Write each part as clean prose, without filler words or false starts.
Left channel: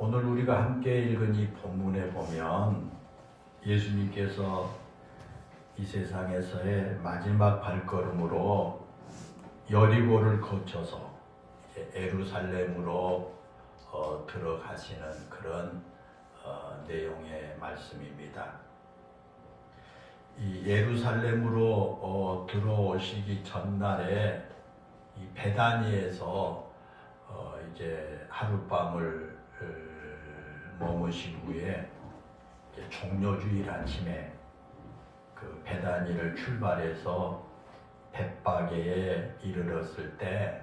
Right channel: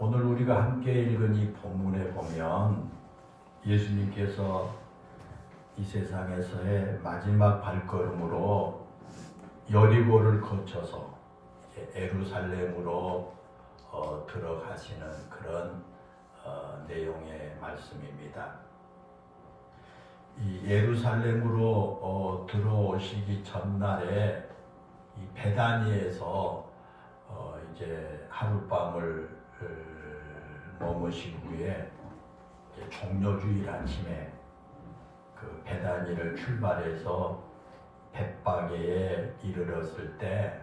오늘 우리가 함께 읽은 이 본문에 보면 예수님께서 이 세상에서의 마지막 발걸음으로 여리고를 거쳐서 예루살렘으로 들어가시는 그런 내용의 말씀입니다. 이 예루살렘으로 들어오시기 전날에 이 베다니에서 이제 하룻밤을 머무신 후에 종려주일 아침에 그 베다니를 출발해서 벳바게에 이르렀을 때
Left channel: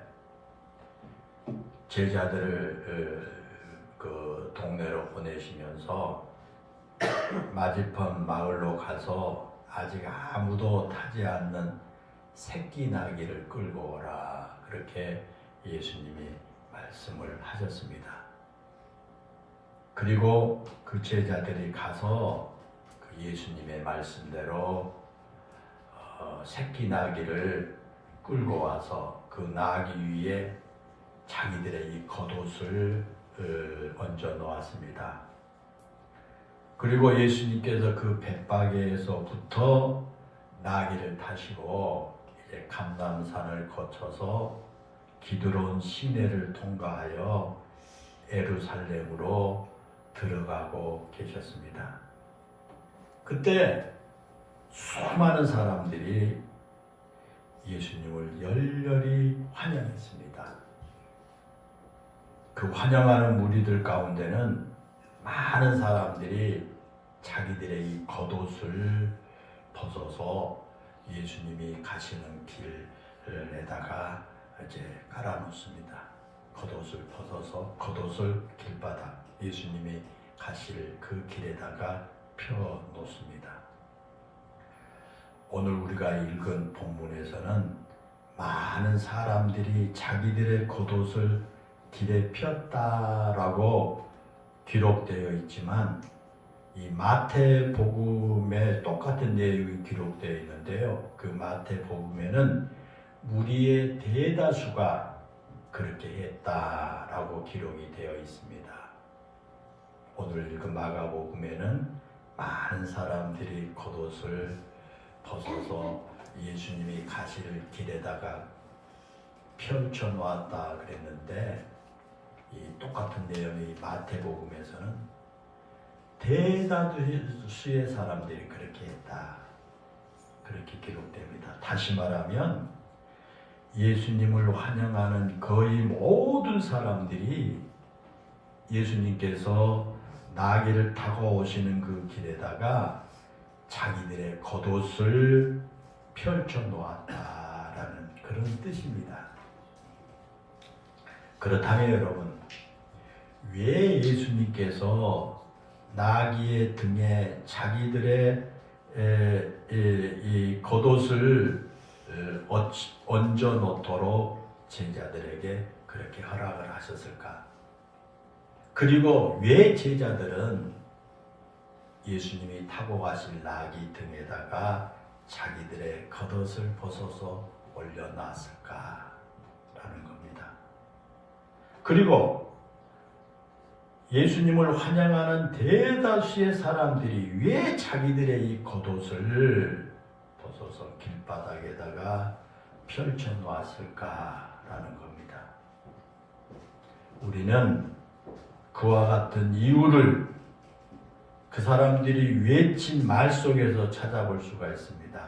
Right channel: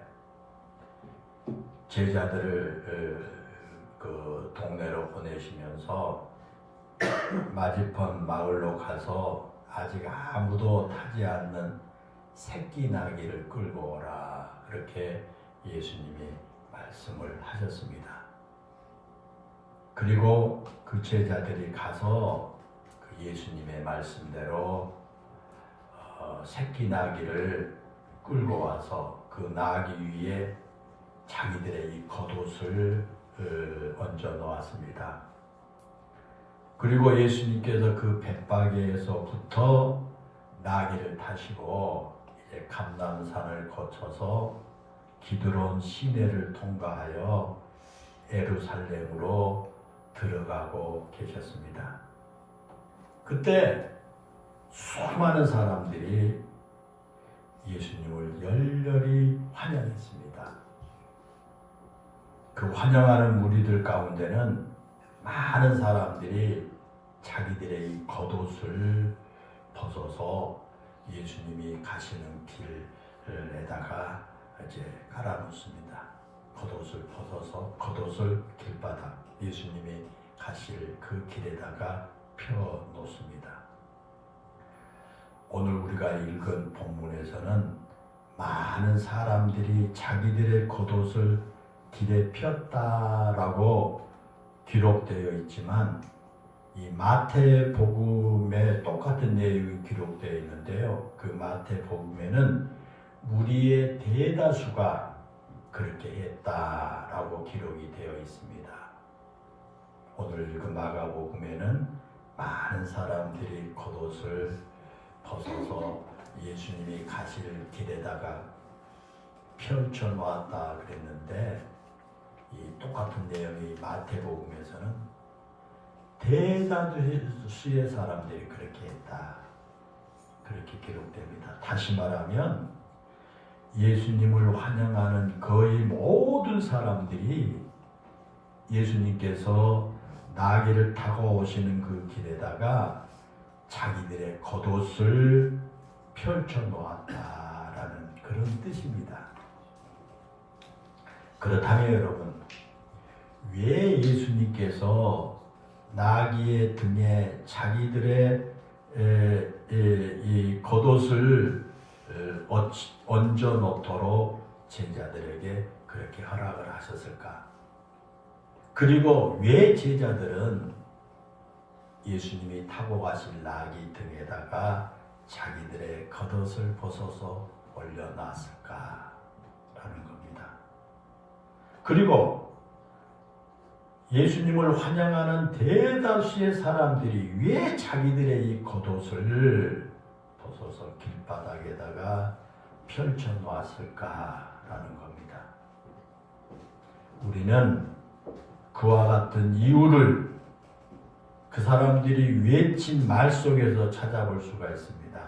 제자들을 그 동네로 보내시면서 맞은편 마을로 가서 아직 아무도 타지 않는 새끼 나귀를 끌고 오라, 그렇게 예수님이 말씀을 하셨습니다. 그리고 그 제자들이 가서 그 예수님의 말씀대로 새끼 나귀를 끌고 와서 그 나귀 위에 자기들의 이 겉옷을 얹어 놓았습니다. 그리고 예수님께서 그 벳바게에서부터 나귀를 타시고 이제 감람산을 거쳐서 기드론 시내를 통과하여 예루살렘으로 들어가고 계셨습니다. 그때 수많은 사람들이 예수님을 열렬히 환영했습니다. 그 환영하는 무리들 가운데는 많은 사람들이 자기들의 이 겉옷을 벗어서 예수님이 가시는 길에다가 이제 깔아놓습니다. 겉옷을 벗어서 겉옷을 길바닥, 예수님이 가실 그 길에다가 펴놓습니다. 오늘 우리가 읽은 본문에서는 많은 사람들이 자기들의 겉옷을 길에 폈다라고 기록되어 있지만 이 마태복음에 똑같은 내용이 기록되어 있는데요. 그 마태복음에는 무리의 대다수가 그렇게 했다라고 기록이 되어 있습니다. 오늘 읽은 마가복음에는 많은 사람들이 겉옷을 벗어서 예수님이 가실 길에다가 펼쳐 놓았다 그랬는데, 이 똑같은 내용이 마태복음에서는 대다수의 사람들이 그렇게 했다, 그렇게 기록됩니다. 다시 말하면 예수님을 환영하는 거의 모든 사람들이 예수님께서 나귀를 타고 오시는 그 길에다가 자기들의 겉옷을 펼쳐 놓았다라는 그런 뜻입니다. 그렇다면 여러분, 왜 예수님께서 나귀의 등에 자기들의 이 겉옷을 얹어 놓도록 제자들에게 그렇게 허락을 하셨을까? 그리고 왜 제자들은 예수님이 타고 가실 나귀 등에다가 자기들의 겉옷을 벗어서 올려놨을까라는 겁니다. 그리고 예수님을 환영하는 대다수의 사람들이 왜 자기들의 이 겉옷을 벗어서 길바닥에다가 펼쳐 놓았을까라는 겁니다. 우리는 그와 같은 이유를 그 사람들이 외친 말 속에서 찾아볼 수가 있습니다.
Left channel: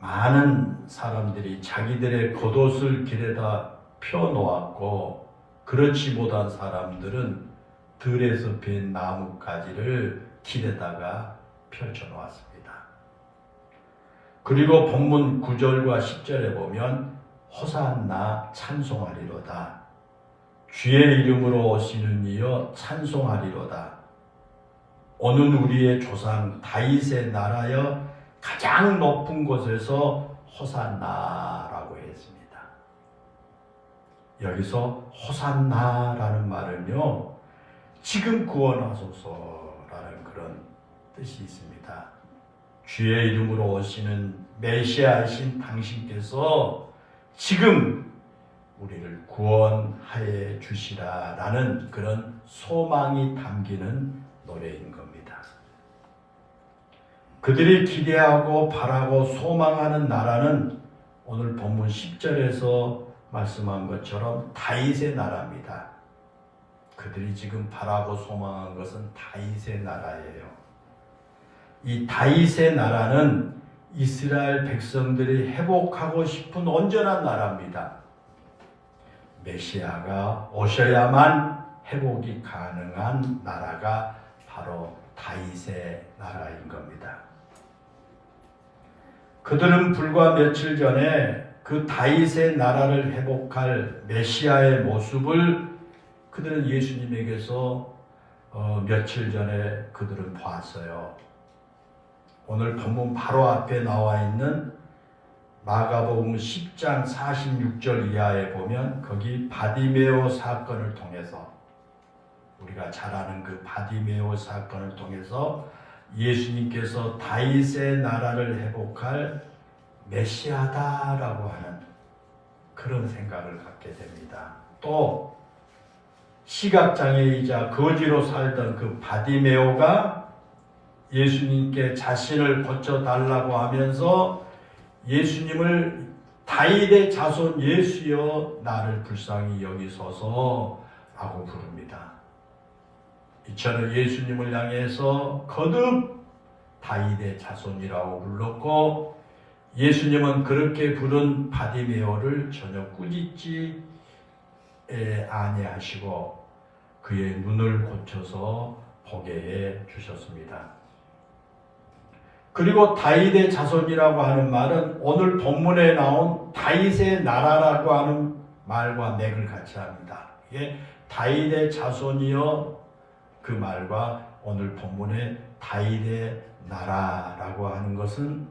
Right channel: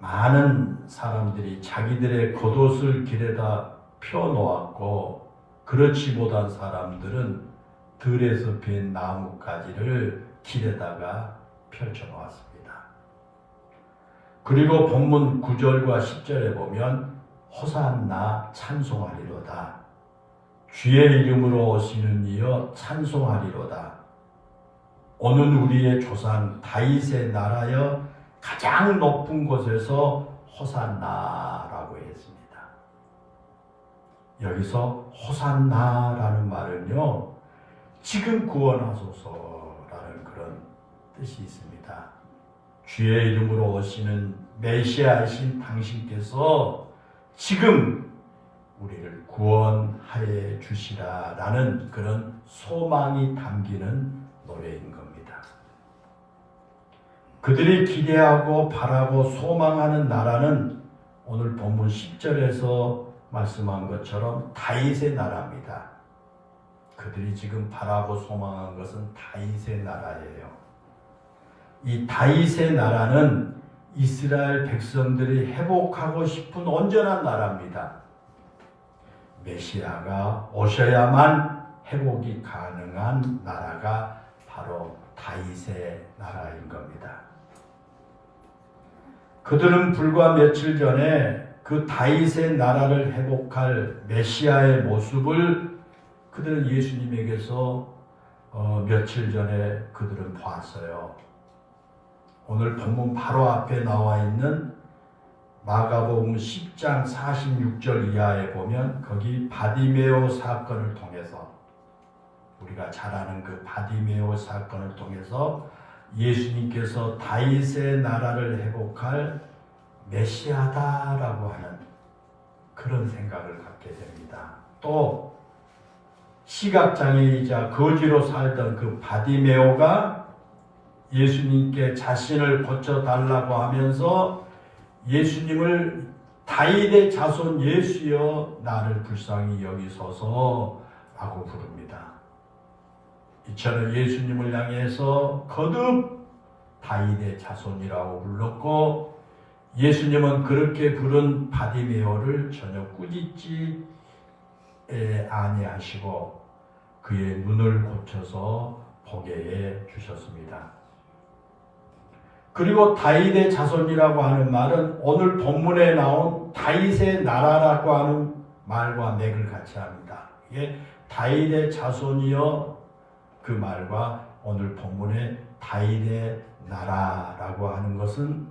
많은 사람들이 자기들의 겉옷을 길에다 펴놓았고, 그렇지 못한 사람들은 들에서 벤 나뭇가지를 길에다가 펼쳐 놓았습니다. 그리고 본문 9절과 10절에 보면 호산나 찬송하리로다, 주의 이름으로 오시는 이여 찬송하리로다, 오는 우리의 조상 다윗의 나라여 가장 높은 곳에서 호산나라고 했습니다. 여기서 호산나라는 말은요, 지금 구원하소서라는 그런 뜻이 있습니다. 주의 이름으로 오시는 메시아이신 당신께서 지금 우리를 구원하여 주시라라는 그런 소망이 담기는 노래인 겁니다. 그들이 기대하고 바라고 소망하는 나라는 오늘 본문 10절에서 말씀한 것처럼 다윗의 나라입니다. 그들이 지금 바라고 소망한 것은 다윗의 나라예요. 이 다윗의 나라는 이스라엘 백성들이 회복하고 싶은 온전한 나라입니다. 메시아가 오셔야만 회복이 가능한 나라가 바로 다윗의 나라인 겁니다. 그들은 불과 며칠 전에 그 다윗의 나라를 회복할 메시아의 모습을 그들은 예수님에게서 며칠 전에 그들은 봤어요. 오늘 본문 바로 앞에 나와 있는 마가복음 10장 46절 이하에 보면 거기 바디메오 사건을 통해서 우리가 잘 아는 그 바디메오 사건을 통해서 예수님께서 다윗의 나라를 회복할 메시아다라고 하는 그런 생각을 갖게 됩니다. 또 시각장애이자 거지로 살던 그 바디메오가 예수님께 자신을 고쳐달라고 하면서 예수님을 다윗의 자손 예수여 나를 불쌍히 여기소서 라고 부릅니다. 이처럼 예수님을 향해서 거듭 다윗의 자손이라고 불렀고 예수님은 그렇게 부른 바디메오를 전혀 꾸짖지 아니하시고 그의 눈을 고쳐서 보게 해 주셨습니다. 그리고 다윗의 자손이라고 하는 말은 오늘 본문에 나온 다윗의 나라라고 하는 말과 맥을 같이 합니다. 이게 다윗의 자손이여 그 말과 오늘 본문의 다윗의 나라라고 하는 것은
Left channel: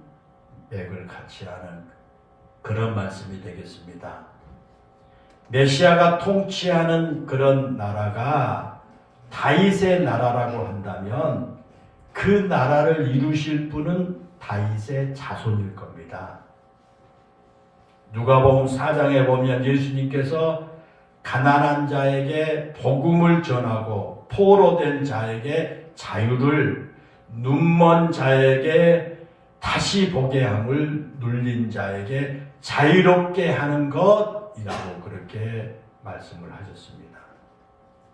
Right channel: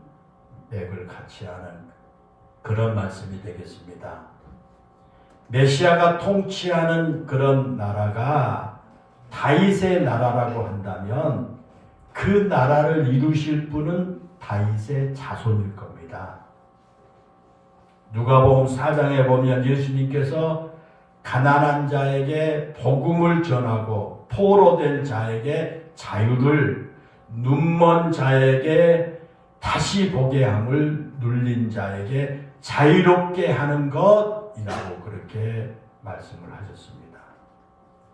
맥을 같이 하는 그런 말씀이 되겠습니다. 메시아가 통치하는 그런 나라가 다윗의 나라라고 한다면 그 나라를 이루실 분은 다윗의 자손일 겁니다. 누가복음 4장에 보면 예수님께서 가난한 자에게 복음을 전하고 포로된 자에게 자유를, 눈먼 자에게 다시 보게 함을, 눌린 자에게 자유롭게 하는 것이라고 그렇게 말씀을 하셨습니다.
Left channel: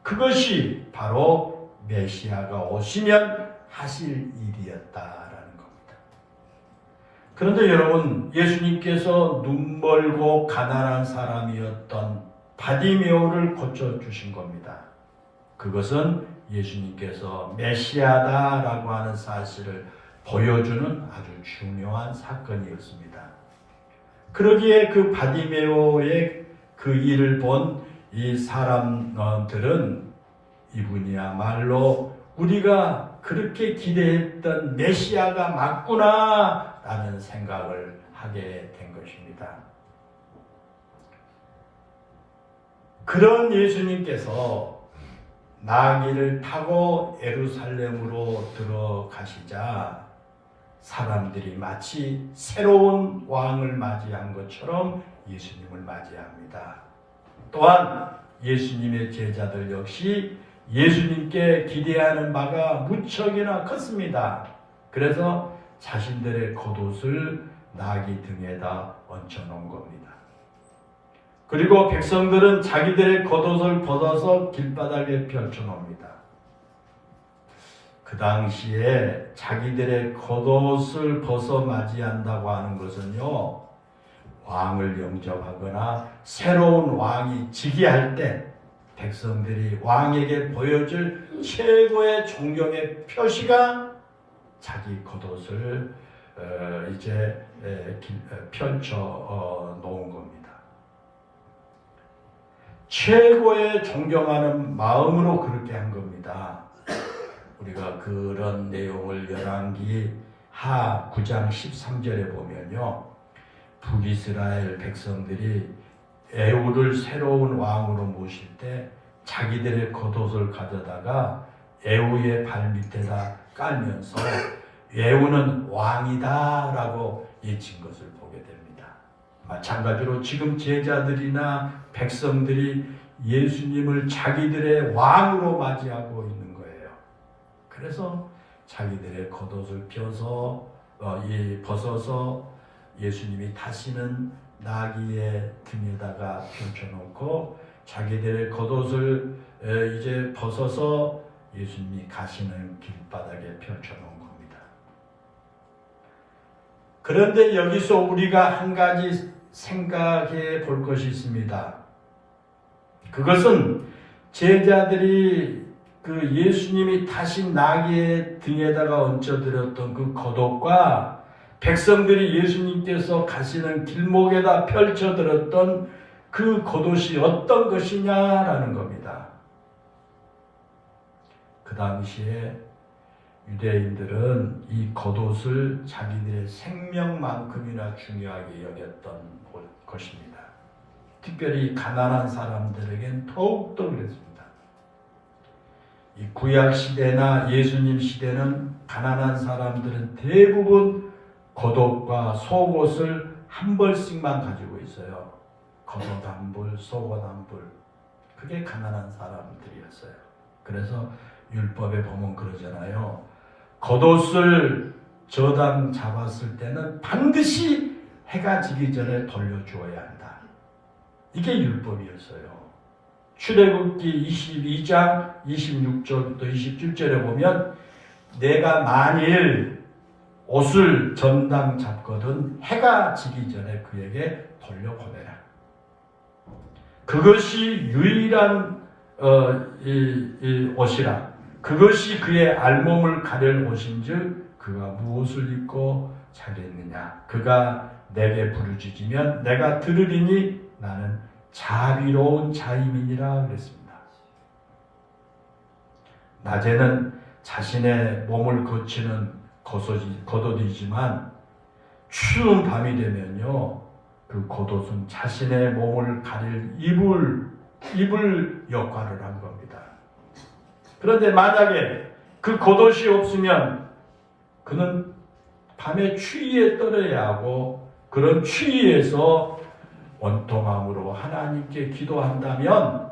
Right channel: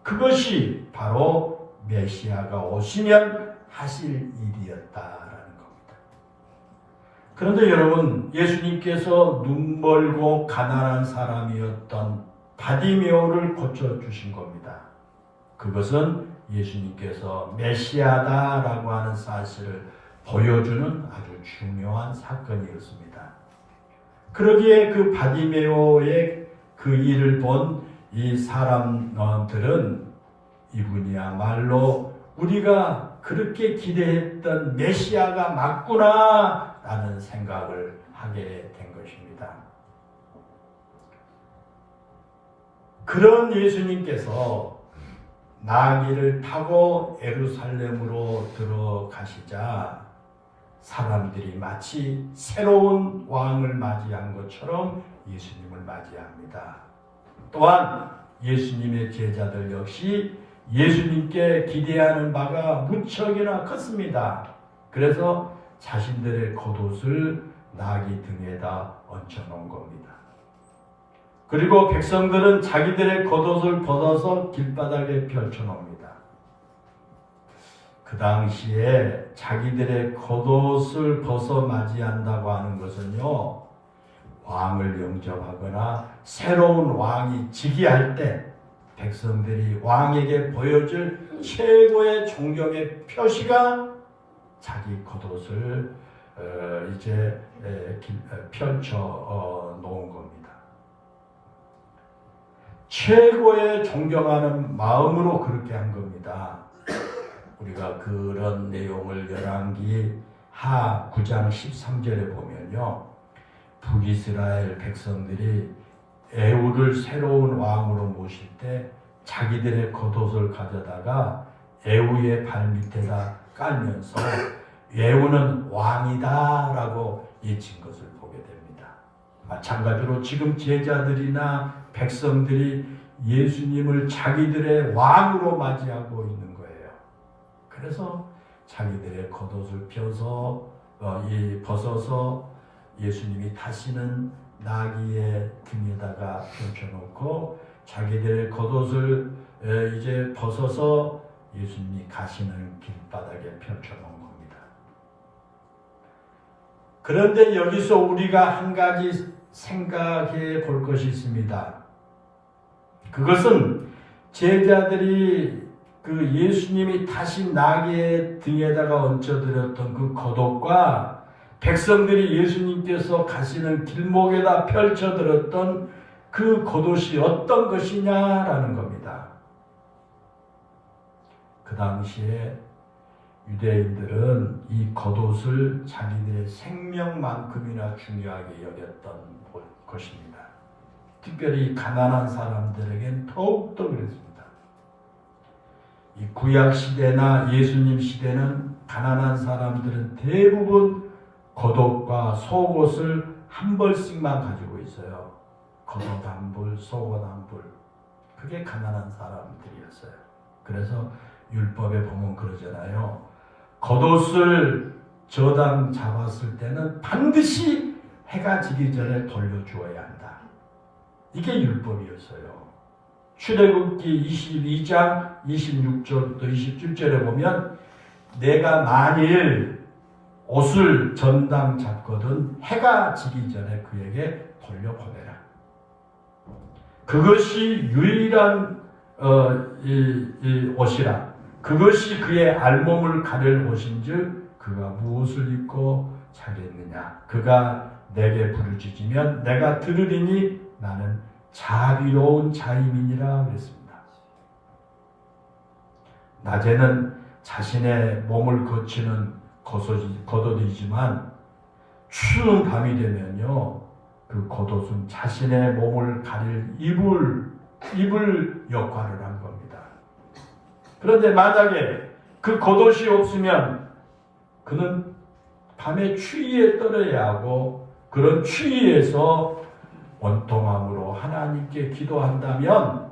그것이 바로 메시아가 오시면 하실 일이었다라는 겁니다. 그런데 여러분, 예수님께서 눈멀고 가난한 사람이었던 바디메오를 고쳐주신 겁니다. 그것은 예수님께서 메시아다라고 하는 사실을 보여주는 아주 중요한 사건이었습니다. 그러기에 그 바디메오의 그 일을 본 이 사람들은 이분이야말로 우리가 그렇게 기대했던 메시아가 맞구나 라는 생각을 하게 된 것입니다. 그런 예수님께서 나귀를 타고 예루살렘으로 들어가시자 사람들이 마치 새로운 왕을 맞이한 것처럼 예수님을 맞이합니다. 또한 예수님의 제자들 역시 예수님께 기대하는 바가 무척이나 컸습니다. 그래서 자신들의 겉옷을 나귀 등에다 얹혀놓은 겁니다. 그리고 백성들은 자기들의 겉옷을 벗어서 길바닥에 펼쳐놓습니다. 그 당시에 자기들의 겉옷을 벗어 맞이한다고 하는 것은요, 왕을 영접하거나 새로운 왕이 즉위할 때 백성들이 왕에게 보여줄 최고의 존경의 표시가 자기 겉옷을 이제 펼쳐 놓은 겁니다. 최고의 존경하는 마음으로 그렇게 한 겁니다. 우리가 그런 내용을 열왕기 하 9장 13절에 보면요, 북이스라엘 백성들이 에후를 새로운 왕으로 모실 때 자기들의 겉옷을 가져다가 에후의 발밑에다 깔면서 에후는 왕이다 라고 외친 것을 보게 됩니다. 마찬가지로 지금 제자들이나 백성들이 예수님을 자기들의 왕으로 맞이하고 있는 거예요. 그래서 자기들의 겉옷을 벗어서 예수님이 타시는 나귀의 등에다가 펼쳐놓고 자기들의 겉옷을 이제 벗어서 예수님이 가시는 길바닥에 펼쳐놓은 겁니다. 그런데 여기서 우리가 한 가지 생각해 볼 것이 있습니다. 그것은 제자들이 그 예수님이 타신 나귀의 등에다가 얹혀드렸던 그 겉옷과 백성들이 예수님께서 가시는 길목에다 펼쳐드렸던 그 겉옷이 어떤 것이냐라는 겁니다. 그 당시에 유대인들은 이 겉옷을 자기들의 생명만큼이나 중요하게 여겼던 것입니다. 특별히 가난한 사람들에겐 더욱더 그랬습니다. 이 구약 시대나 예수님 시대는 가난한 사람들은 대부분 겉옷과 속옷을 한 벌씩만 가지고 있어요. 겉옷 한 벌, 속옷 한 벌. 그게 가난한 사람들이었어요. 그래서 율법에 보면 그러잖아요. 겉옷을 저당 잡았을 때는 반드시 해가 지기 전에 돌려주어야 한다. 이게 율법이었어요. 출애굽기 22장 26절부터 27절에 보면 내가 만일 옷을 전당 잡거든 해가 지기 전에 그에게 돌려보내라. 그것이 유일한 이 옷이라. 그것이 그의 알몸을 가릴 옷인즉 그가 무엇을 입고 자겠느냐. 그가 내게 부르짖으면 내가 들으리니 나는 자비로운 자임이니라 그랬습니다. 낮에는 자신의 몸을 거치는 겉옷이지만 추운 밤이 되면요 그 겉옷은 자신의 몸을 가릴 이불 역할을 한 겁니다. 그런데 만약에 그 겉옷이 없으면 그는 밤에 추위에 떨어야 하고 그런 추위에서 원통함으로 하나님께 기도한다면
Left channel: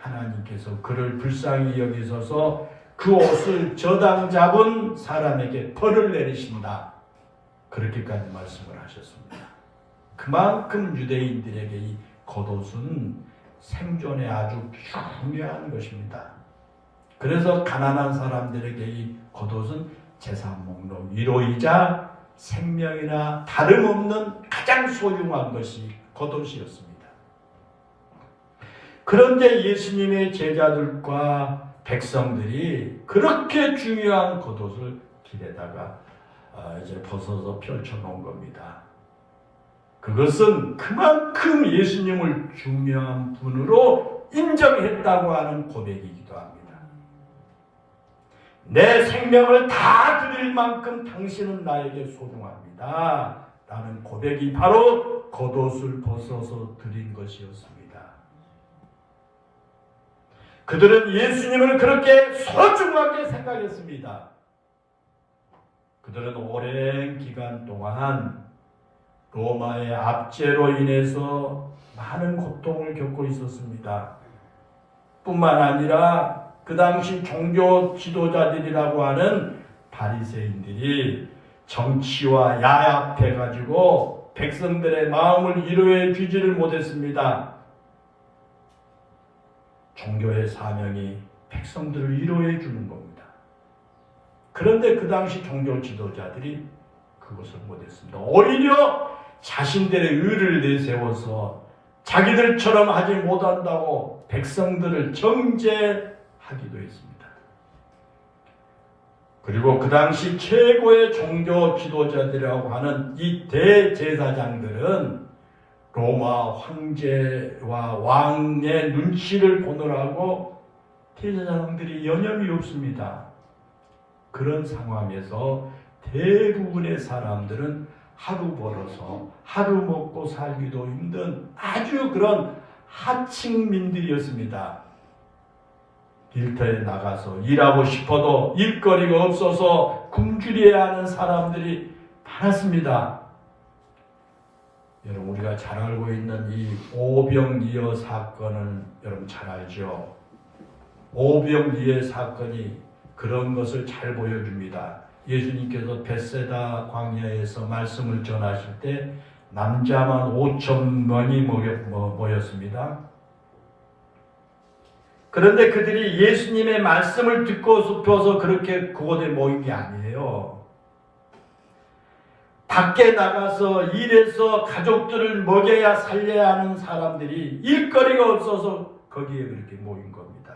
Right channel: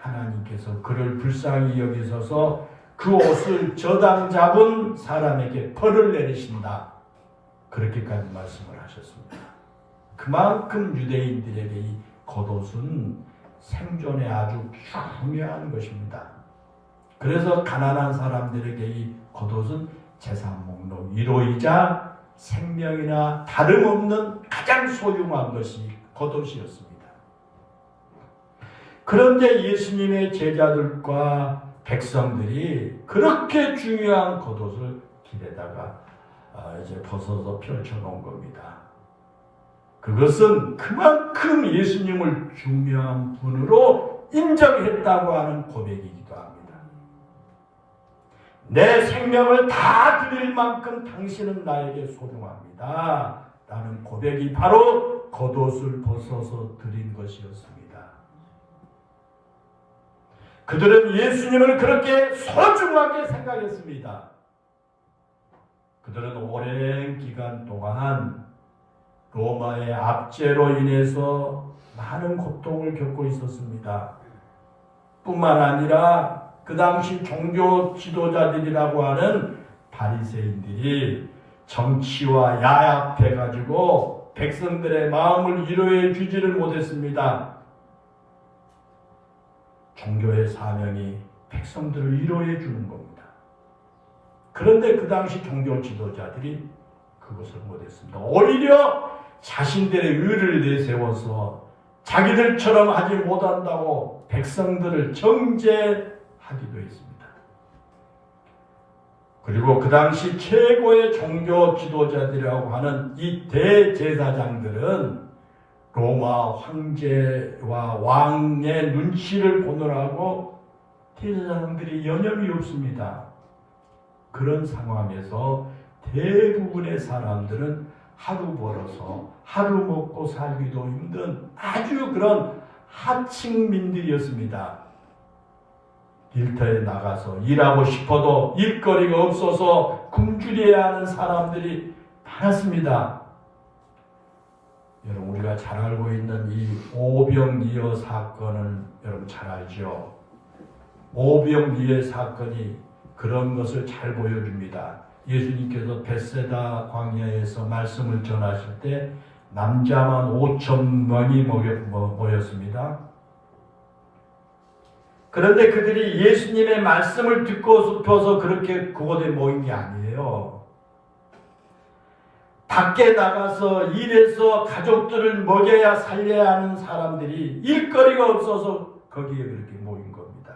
하나님께서 그를 불쌍히 여기셔서 그 옷을 저당 잡은 사람에게 벌을 내리신다. 그렇게까지 말씀을 하셨습니다. 그만큼 유대인들에게 이 겉옷은 생존에 아주 중요한 것입니다. 그래서 가난한 사람들에게 이 겉옷은 재산 목록 1호이자 생명이나 다름없는 가장 소중한 것이 겉옷이었습니다. 그런데 예수님의 제자들과 백성들이 그렇게 중요한 겉옷을 길에다가 이제 벗어서 펼쳐놓은 겁니다. 그것은 그만큼 예수님을 중요한 분으로 인정했다고 하는 고백이기도 합니다. 내 생명을 다 드릴 만큼 당신은 나에게 소중합니다. 라는 고백이 바로 겉옷을 벗어서 드린 것이었습니다. 그들은 예수님을 그렇게 소중하게 생각했습니다. 그들은 오랜 기간 동안 로마의 압제로 인해서 많은 고통을 겪고 있었습니다. 뿐만 아니라 그 당시 종교 지도자들이라고 하는 바리새인들이 정치와 야합해가지고 백성들의 마음을 위로해 주지를 못했습니다. 종교의 사명이 백성들을 위로해 주는 겁니다. 그런데 그 당시 종교 지도자들이 그것을 못했습니다. 오히려 자신들의 의를 내세워서 자기들처럼 하지 못한다고 백성들을 정죄하기도 했습니다. 그리고 그 당시 최고의 종교 지도자들이라고 하는 이 대제사장들은 로마 황제와 왕의 눈치를 보느라고 대제사장들이 여념이 없습니다. 그런 상황에서 대부분의 사람들은 하루 벌어서 하루 먹고 살기도 힘든 아주 그런 하층민들이었습니다. 일터에 나가서 일하고 싶어도 일거리가 없어서 굶주려야 하는 사람들이 많았습니다. 여러분 우리가 잘 알고 있는 이 오병이어 사건은 여러분 잘 알죠? 오병이어 사건이 그런 것을 잘 보여줍니다. 예수님께서 벳세다 광야에서 말씀을 전하실 때 남자만 5,000명이 모였습니다. 그런데 그들이 예수님의 말씀을 듣고 싶어서 그렇게 그곳에 모인 게 아니에요. 밖에 나가서 일해서 가족들을 먹여야 살려야 하는 사람들이 일거리가 없어서 거기에 그렇게 모인 겁니다.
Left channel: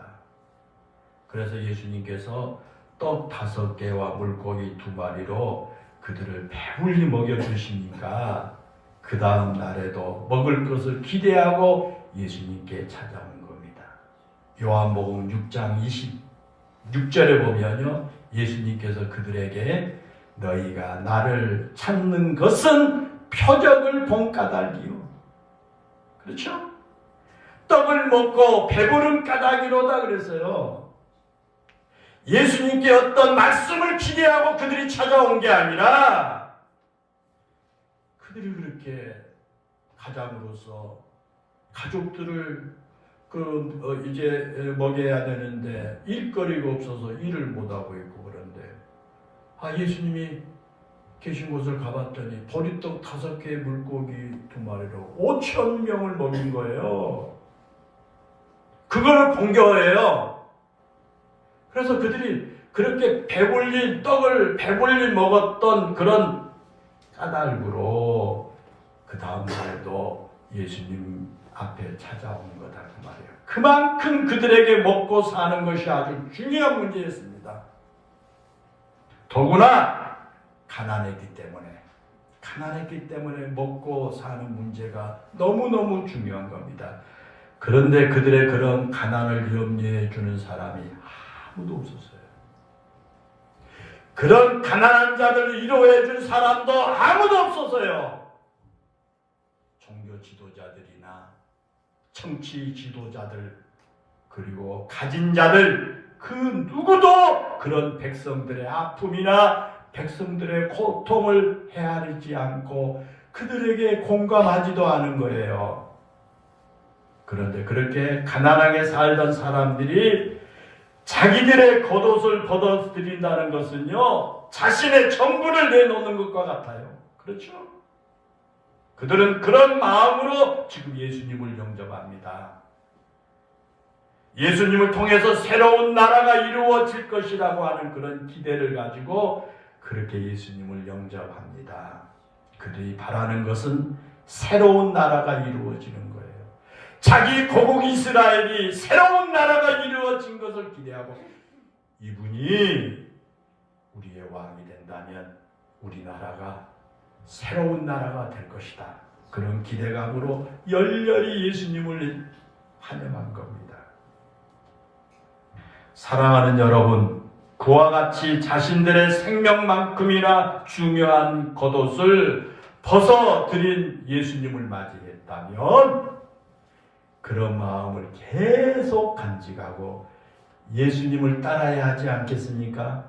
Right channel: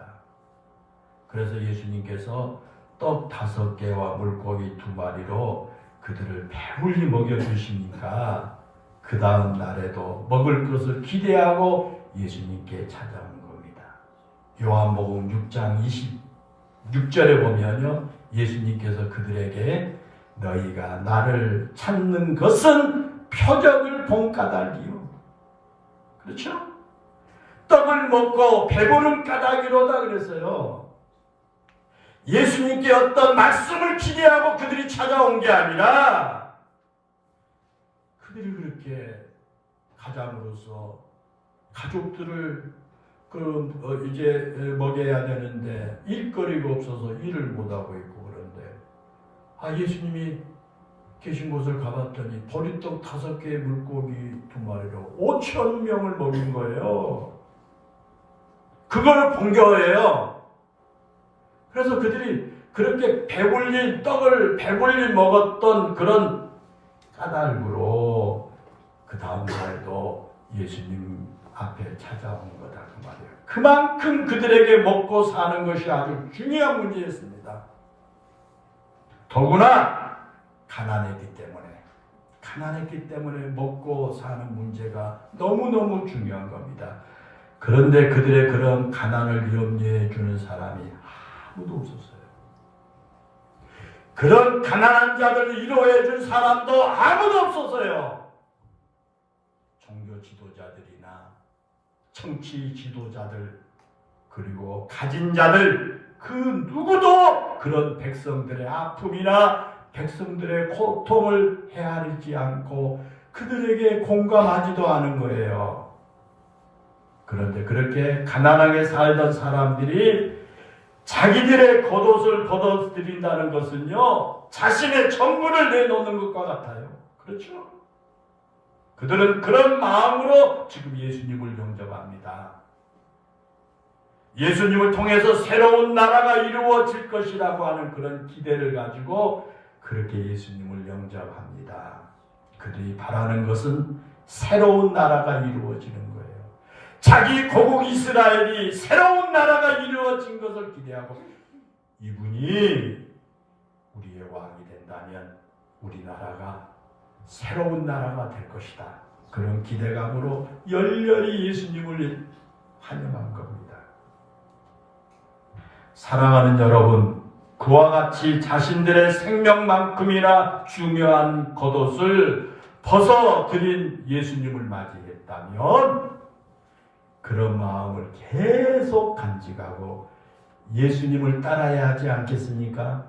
그래서 예수님께서 떡 5개와 물고기 2마리로 그들을 배불리 먹여주시니까 그 다음 날에도 먹을 것을 기대하고 예수님께 찾아온 겁니다. 요한복음 6장 26절에 보면요, 예수님께서 그들에게 너희가 나를 찾는 것은 표적을 본 까닭이요. 그렇죠? 떡을 먹고 배부른 까닭이로다 그랬어요. 예수님께 어떤 말씀을 기대하고 그들이 찾아온 게 아니라 그들이 그렇게 가장으로서 가족들을 이제 먹여야 되는데 일거리가 없어서 일을 못하고 있고 그런데 예수님이 계신 곳을 가봤더니 보리떡 5개 물고기 2마리로 5,000명을 먹인 거예요. 그걸 본 거예요. 그래서 그들이 그렇게 떡을 배불리 먹었던 그런 까닭으로 그 다음 날도 예수님 앞에 찾아온 거다 그 말이에요. 그만큼 그들에게 먹고 사는 것이 아주 중요한 문제였습니다. 더구나 가난했기 때문에 먹고 사는 문제가 너무너무 중요한 겁니다. 그런데 그들의 그런 가난을 염려해 주는 사람이 아무도 없었어요. 그런 가난한 자들을 위로해 줄 사람도 아무도 없었어요. 종교 지도자들이나 정치 지도자들 그리고 가진 자들 그 누구도 그런 백성들의 아픔이나 백성들의 고통을 헤아리지 않고 그들에게 공감하지도 않은 거예요. 그런데 그렇게 가난하게 살던 사람들이 자기들의 겉옷을 벗어드린다는 것은요, 자신의 전부를 내놓는 것과 같아요. 그렇죠? 그들은 그런 마음으로 지금 예수님을 영접합니다. 예수님을 통해서 새로운 나라가 이루어질 것이라고 하는 그런 기대를 가지고 그렇게 예수님을 영접합니다. 그들이 바라는 것은 새로운 나라가 이루어지는 거예요. 자기 고국 이스라엘이 새로운 나라가 이루어진 것을 기대하고 이분이 우리의 왕이 된다면 우리나라가 새로운 나라가 될 것이다. 그런 기대감으로 열렬히 예수님을 환영한 겁니다. 사랑하는 여러분, 그와 같이 자신들의 생명만큼이나 중요한 겉옷을 벗어드린 예수님을 맞이했다면 그런 마음을 계속 간직하고 예수님을 따라야 하지 않겠습니까?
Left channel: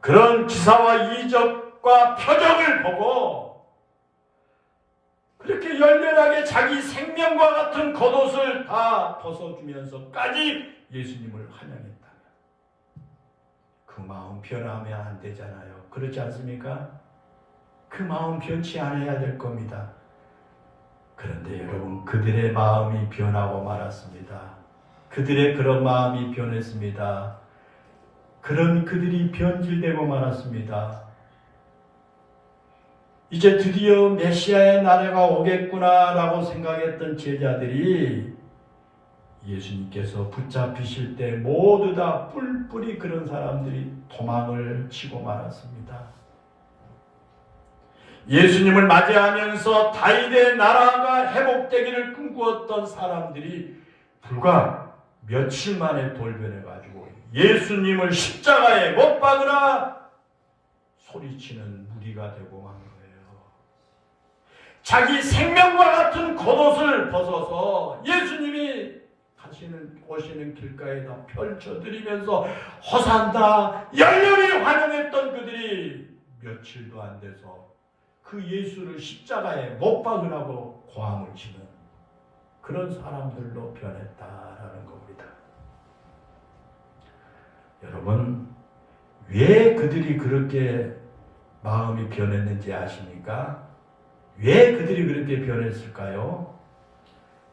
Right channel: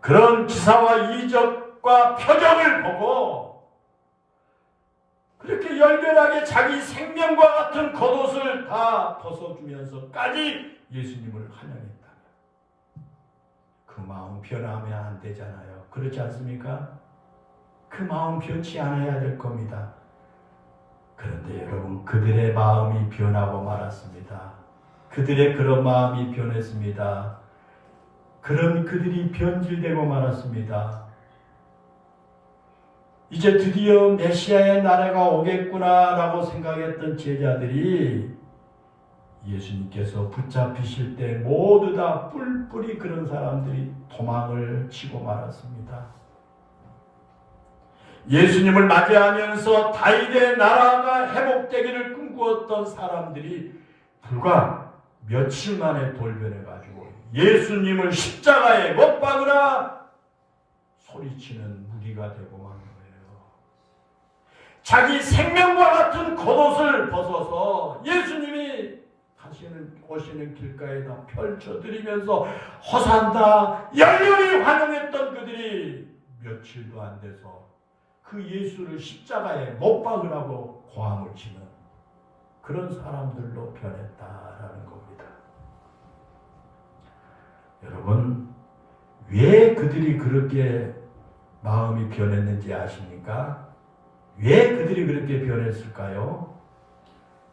그런 기사와 이적과 표적을 보고 그렇게 열렬하게 자기 생명과 같은 겉옷을 다 벗어주면서까지 예수님을 환영했다면 그 마음 변하면 안 되잖아요. 그렇지 않습니까? 그 마음 변치 않아야 될 겁니다. 그런데 여러분, 그들의 마음이 변하고 말았습니다. 그들의 그런 마음이 변했습니다. 그런 그들이 변질되고 말았습니다. 이제 드디어 메시아의 나라가 오겠구나라고 생각했던 제자들이 예수님께서 붙잡히실 때 모두 다 뿔뿔이 그런 사람들이 도망을 치고 말았습니다. 예수님을 맞이하면서 다윗의 나라가 회복되기를 꿈꾸었던 사람들이 불과 며칠 만에 돌변해가지고 예수님을 십자가에 못 박으라 소리치는 무리가 되고 만 거예요. 자기 생명과 같은 겉옷을 벗어서 예수님이 오시는 길가에다 펼쳐드리면서 호산나 열렬히 환영했던 그들이 며칠도 안 돼서 그 예수를 십자가에 못 박으라고 고함을 치는 그런 사람들로 변했다라는 겁니다. 여러분, 왜 그들이 그렇게 마음이 변했는지 아십니까? 왜 그들이 그렇게 변했을까요?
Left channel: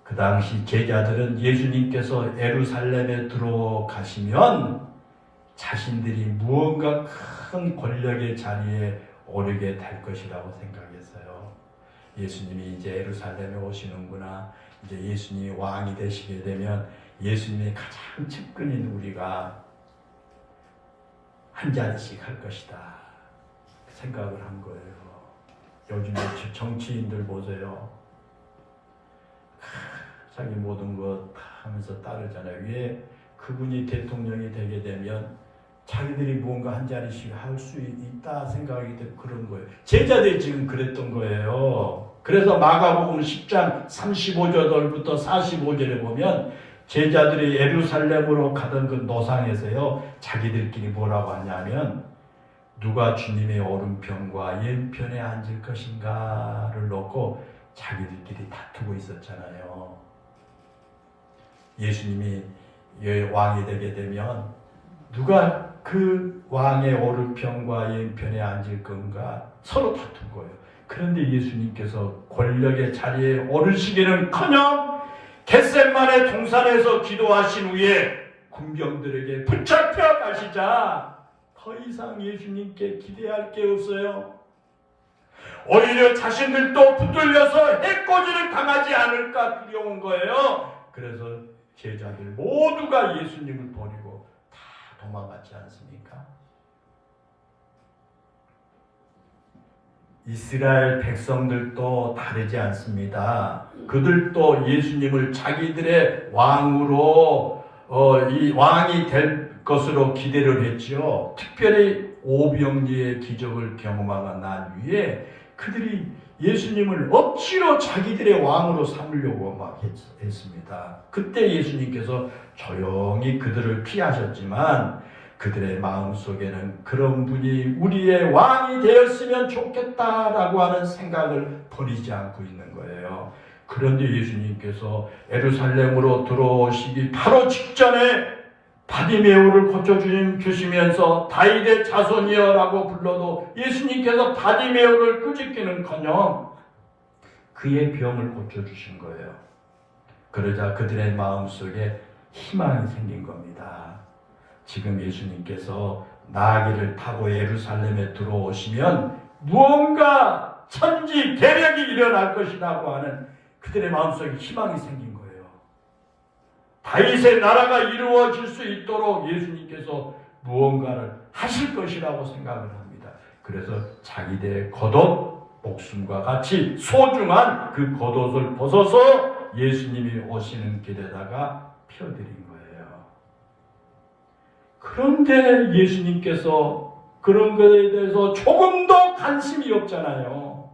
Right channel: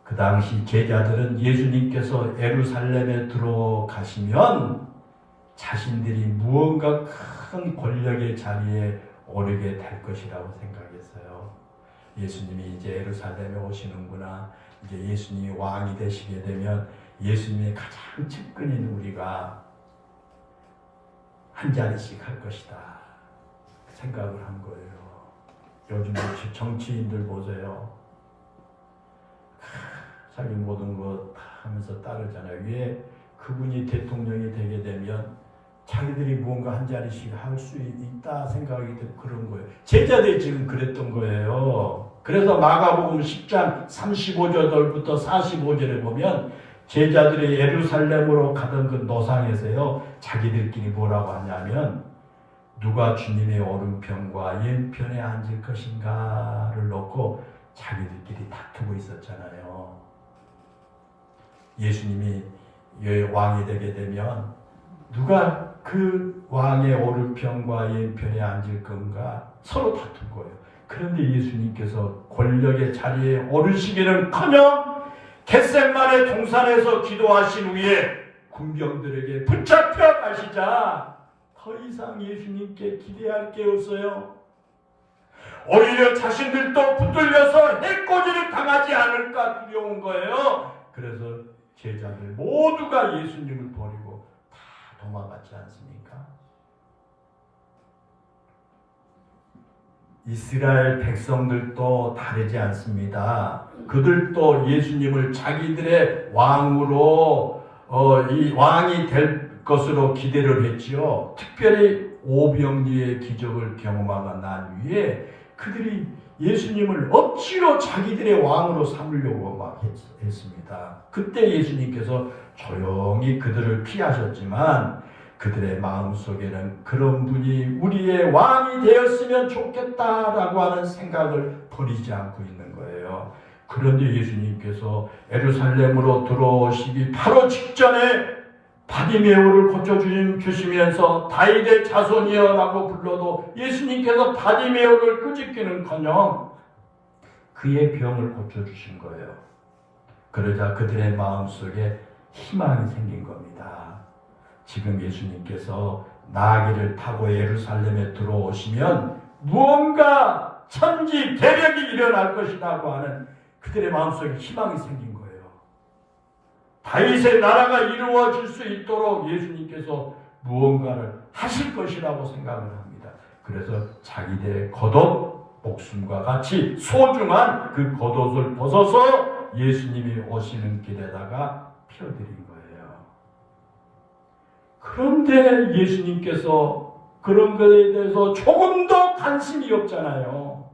그 당시 제자들은 예수님께서 예루살렘에 들어가시면 자신들이 무언가 큰 권력의 자리에 오르게 될 것이라고 생각했어요. 예수님이 이제 예루살렘에 오시는구나. 이제 예수님이 왕이 되시게 되면 예수님의 가장 측근인 우리가 한 자리씩 할 것이다 생각을 한 거예요. 요즘 정치인들 보세요. 자기 모든 것 하면서 따르잖아요. 왜 그분이 대통령이 되게 되면 자기들이 무언가 한 자리씩 할 수 있다 생각하기 때문에 그런 거예요. 제자들이 지금 그랬던 거예요. 그래서 마가복음 10장 35절부터 45절에 보면 제자들이 예루살렘으로 가던 그 노상에서요, 자기들끼리 뭐라고 하냐면 누가 주님의 오른편과 왼편에 앉을 것인가를 놓고 자기들끼리 다투고 있었잖아요. 예수님이 왕이 되게 되면 누가 그 왕의 오른편과 왼편에 앉을 건가 서로 다툰 거예요. 그런데 예수님께서 권력의 자리에 오르시기는커녕 겟세마네 동산에서 기도하신 후에 군병들에게 붙잡혀 가시자 더 이상 예수님께 기대할 게 없어요. 오히려 자신들도 붙들려서 해코지를 당하지 않을까 두려운 거예요. 그래서 제자들 모두가 예수님을 버리고 다 도망갔지 않습니까? 이스라엘 백성들도 다르지 않습니다. 그들도 예수님을 자기들의 왕으로 이 왕이 될 것으로 기대를 했지요. 특별히 오병이의 기적을 경험하고 난 후에 그들이 예수님을 억지로 자기들의 왕으로 삼으려고 막 했습니다. 그때 예수님께서 조용히 그들을 피하셨지만 그들의 마음속에는 그런 분이 우리의 왕이 되었으면 좋겠다라고 하는 생각을 버리지 않고 있는 거예요. 그런데 예수님께서 예루살렘으로 들어오시기 바로 직전에 바디메오를 고쳐주시면서 다윗의 자손이여라고 불러도 예수님께서 바디메오를 끄집기는커녕 그의 병을 고쳐주신 거예요. 그러자 그들의 마음속에 희망이 생긴 겁니다. 지금 예수님께서 나귀를 타고 예루살렘에 들어오시면 무언가 천지 개벽이 일어날 것이라고 하는 그들의 마음속에 희망이 생긴 거예요. 다윗의 나라가 이루어질 수 있도록 예수님께서 무언가를 하실 것이라고 생각을 합니다. 그래서 자기들의 겉옷, 목숨과 같이 소중한 그 겉옷을 벗어서 예수님이 오시는 길에다가 펴드린 거예요. 그런데 예수님께서 그런 것에 대해서 조금도 관심이 없잖아요.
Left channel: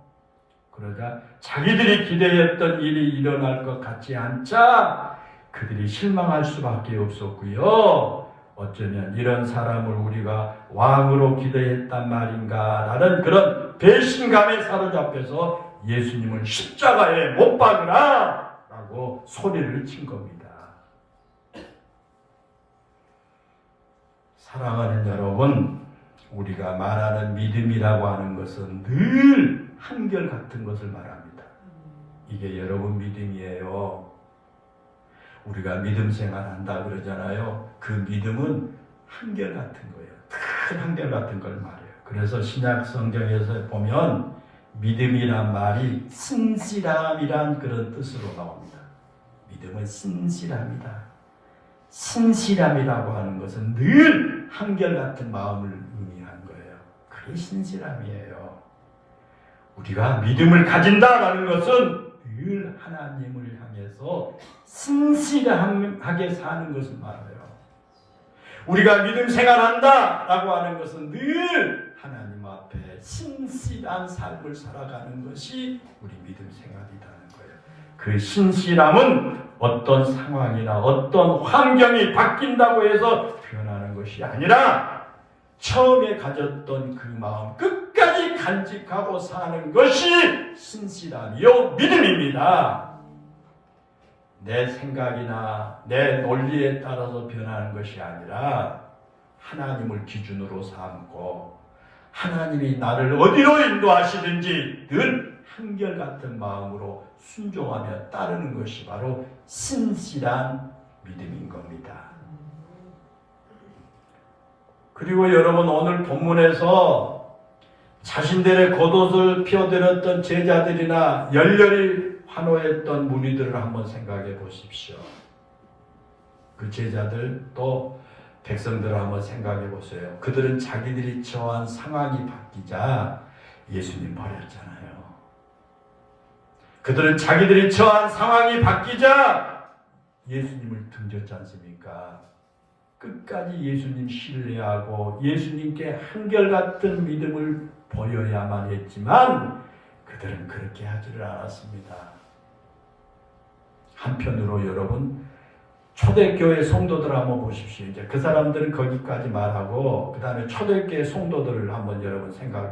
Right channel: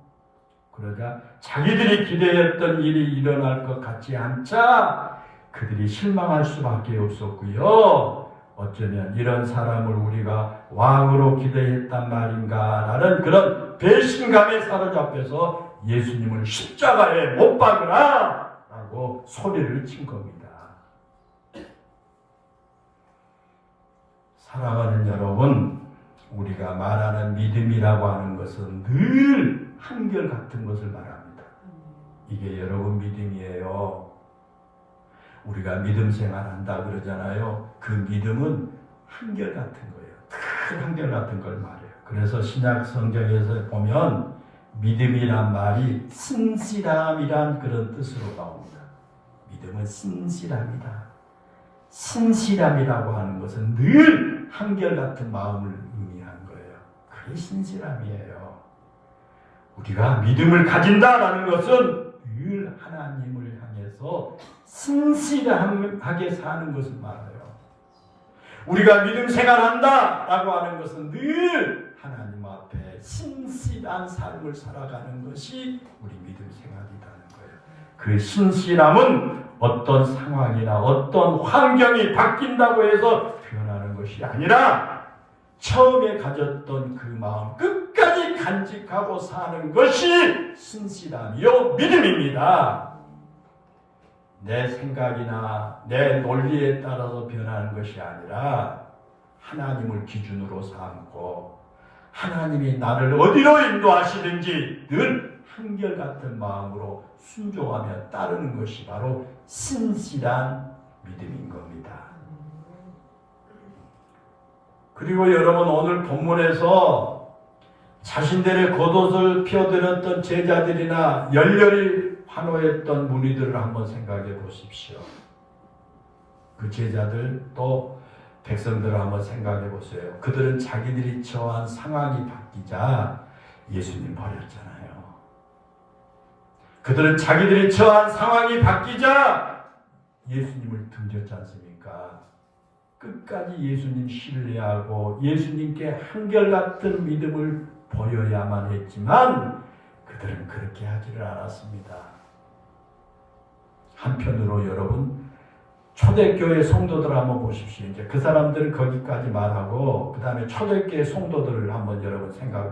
그러자 자기들이 기대했던 일이 일어날 것 같지 않자 그들이 실망할 수밖에 없었고요. 어쩌면 이런 사람을 우리가 왕으로 기대했단 말인가라는 그런 배신감에 사로잡혀서 예수님을 십자가에 못 박으라 라고 소리를 친 겁니다. 사랑하는 여러분, 우리가 말하는 믿음이라고 하는 것은 늘 한결같은 것을 말합니다. 이게 여러분 믿음이에요. 우리가 믿음 생활한다 그러잖아요. 그 믿음은 한결같은 거예요. 큰 한결같은 걸 말해요. 그래서 신약 성경에서 보면 믿음이란 말이 신실함이란 그런 뜻으로 나옵니다. 믿음은 신실함이다. 신실함이라고 하는 것은 늘 한결같은 마음을 의미하는 거예요. 그게 신실함이에요. 우리가 믿음을 가진다라는 것은 늘 하나님을 향해서 신실하게 사는 것을 말해요. 우리가 믿음 생활한다라고 하는 것은 늘 하나님 앞에 신실한 삶을 살아가는 것이 우리 믿음 생활이라는 거예요. 그 신실함은 어떤 상황이나 어떤 환경이 바뀐다고 해서 변하는 것이 아니라 처음에 가졌던 그 마음 끝까지 끝까지 간직하고 사는 것이 신실함이요 믿음입니다. 내 생각이나 내 논리에 따라서 변하는 것이 아니라 하나님을 기준으로 삼고 하나님이 나를 어디로 인도하시든지 늘 한결같은 마음으로 순종하며 따르는 것이 바로 신실한 믿음인 겁니다. 그리고 여러분, 오늘 본문에서 자신들의 겉옷을 펴들었던 제자들이나 열렬히 환호했던 무리들을 한번 생각해 보십시오. 그 제자들 또 백성들을 한번 생각해 보세요. 그들은 자기들이 처한 상황이 바뀌자 예수님 버렸잖아요. 그들은 자기들이 처한 상황이 바뀌자 예수님을 등졌지 않습니까? 끝까지 예수님 신뢰하고 예수님께 한결같은 믿음을 보여야만 했지만 그들은 그렇게 하지를 않았습니다. 한편으로 여러분, 초대교회 성도들 한번 보십시오. 이제 그 사람들은 거기까지 말하고 그 다음에 초대교회 성도들을 한번 여러분 생각해